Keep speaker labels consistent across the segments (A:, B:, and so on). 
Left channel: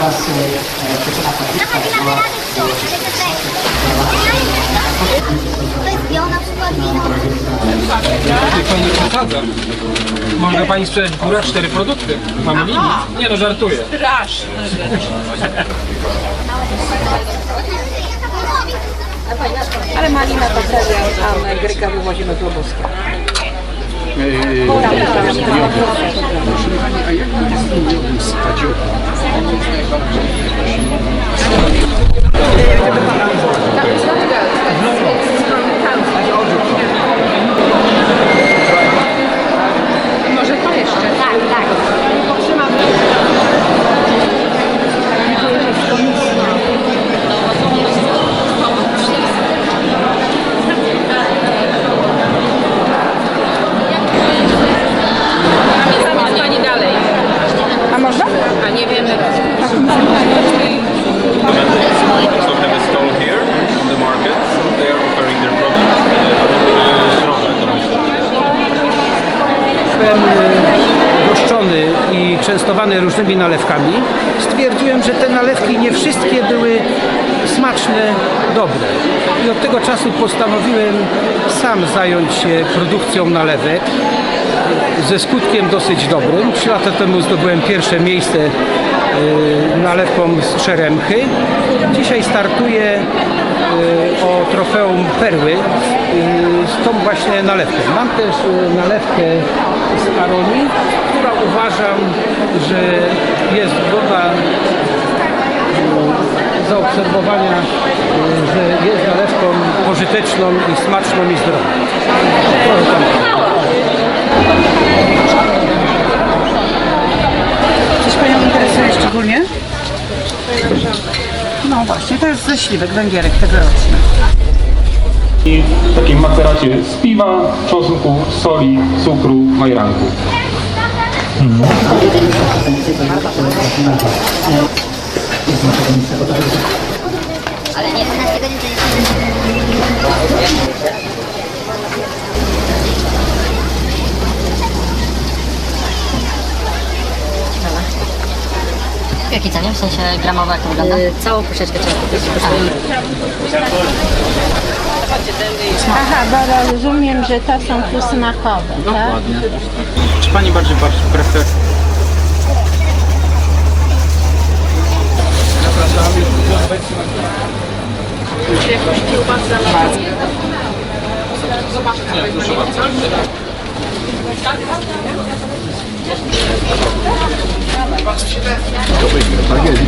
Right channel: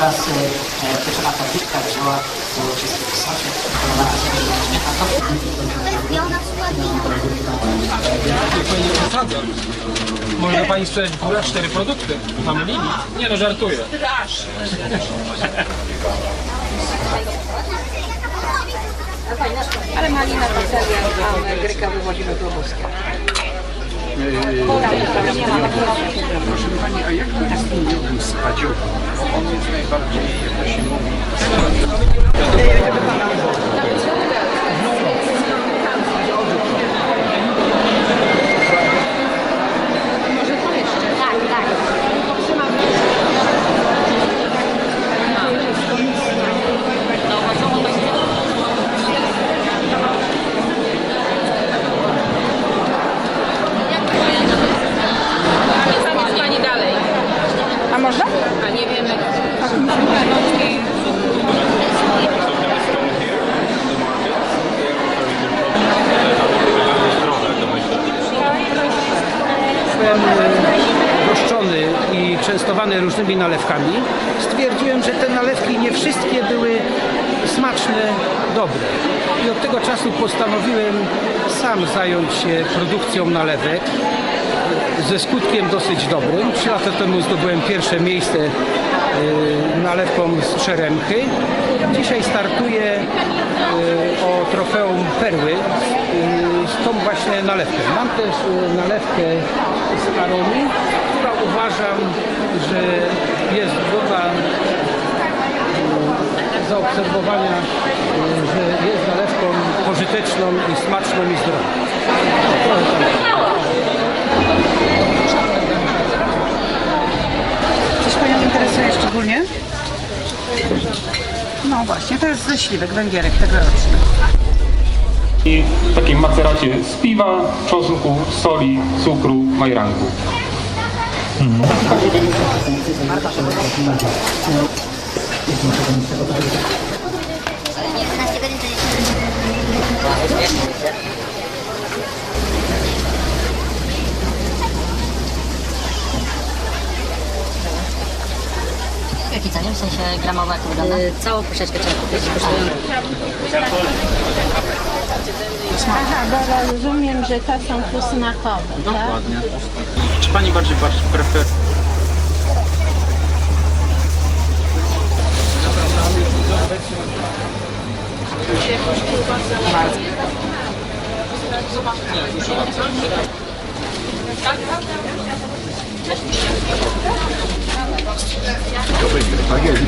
A: Teraz pieczona podbita była.
B: Może pani sprzedać dwa, cztery produkty. Mamy limit? Nie no, żartuję.
C: Pani, a jak to stadziowym? On jest najbardziej zimowy.
D: also
E: różnymi nalewkami, stwierdziłem, że te nalewki nie wszystkie były smaczne, dobre. I od tego czasu postanowiłem sam zająć się produkcją nalewek ze skutkiem dosyć dobrym. Trzy lata temu zdobyłem pierwsze miejsce yy, nalewką z Czeremchy. Dzisiaj startuję yy, o trofeum Perły yy, z tą właśnie nalewką. Mam też nalewkę z Karoli, która uważam, że jest godna yy, zaobserwowania, yy, że jest nalewką pożyteczną i smaczną i zdrową.
F: Coś Panią interesuje szczególnie? No właśnie, to jest ze śliwek, węgierek tegoroczny.
G: I w takim maceracie z piwa, czosnku, soli, cukru, majranku.
H: W jakiej cenie? W sensie gramowe jak to wygląda?
I: Całą puszeczkę
J: Aha, bo rozumiem, że to są tu smakowe, tak?
C: Czy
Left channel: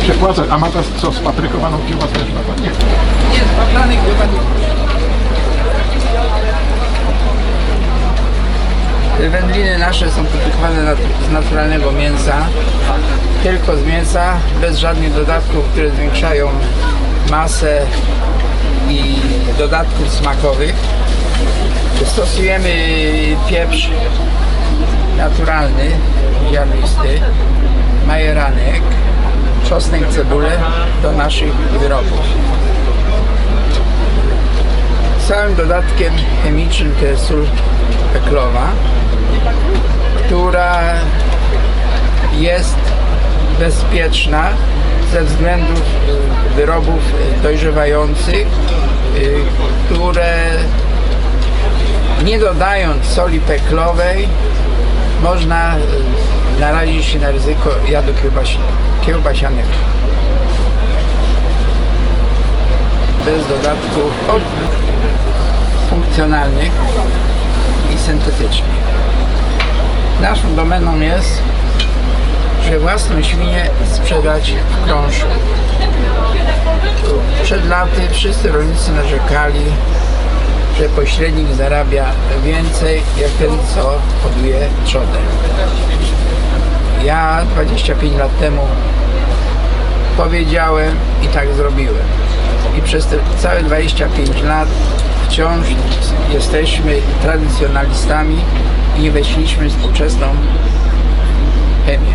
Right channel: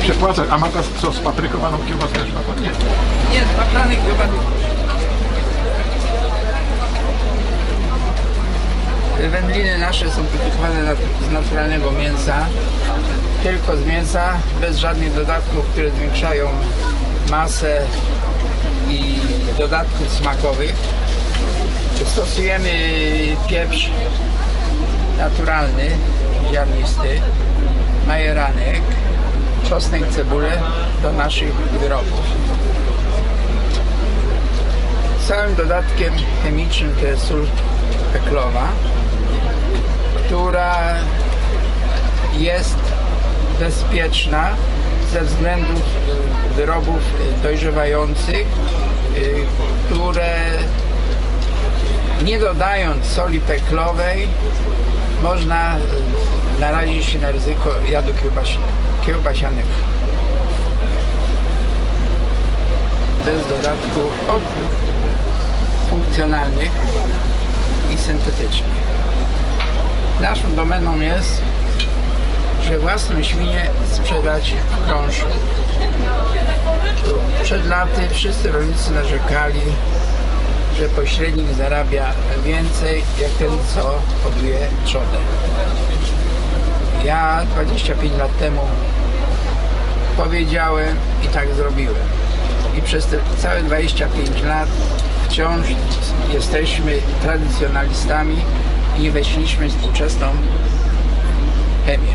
C: Ciepłacę, a ma ta co, spaprykowaną kiełbaskę też na Pani?
F: Nie, z paplanych Wędliny nasze są produkowane z naturalnego mięsa, tylko z mięsa, bez żadnych dodatków, które zwiększają masę i dodatków smakowych. Stosujemy pieprz naturalny, ziarnisty, majeranek, czosnek, cebulę do naszych wyrobów. Całym dodatkiem chemicznym to jest sól peklowa, która jest bezpieczna ze względów y, wyrobów dojrzewających, y, które dodając soli peklowej można y, narazić się na ryzyko jadu kiełbasi- kiełbasianego. Bez dodatków funkcjonalnych i syntetycznych. Naszą domeną jest, że własną świnię sprzedać w krążku. Przed laty wszyscy rolnicy narzekali, że pośrednik zarabia więcej jak ten, co hoduje trzodę. Ja 25 lat temu powiedziałem i tak zrobiłem. I przez te całe 25 lat wciąż jesteśmy tradycjonalistami i nie w współczesną chemię.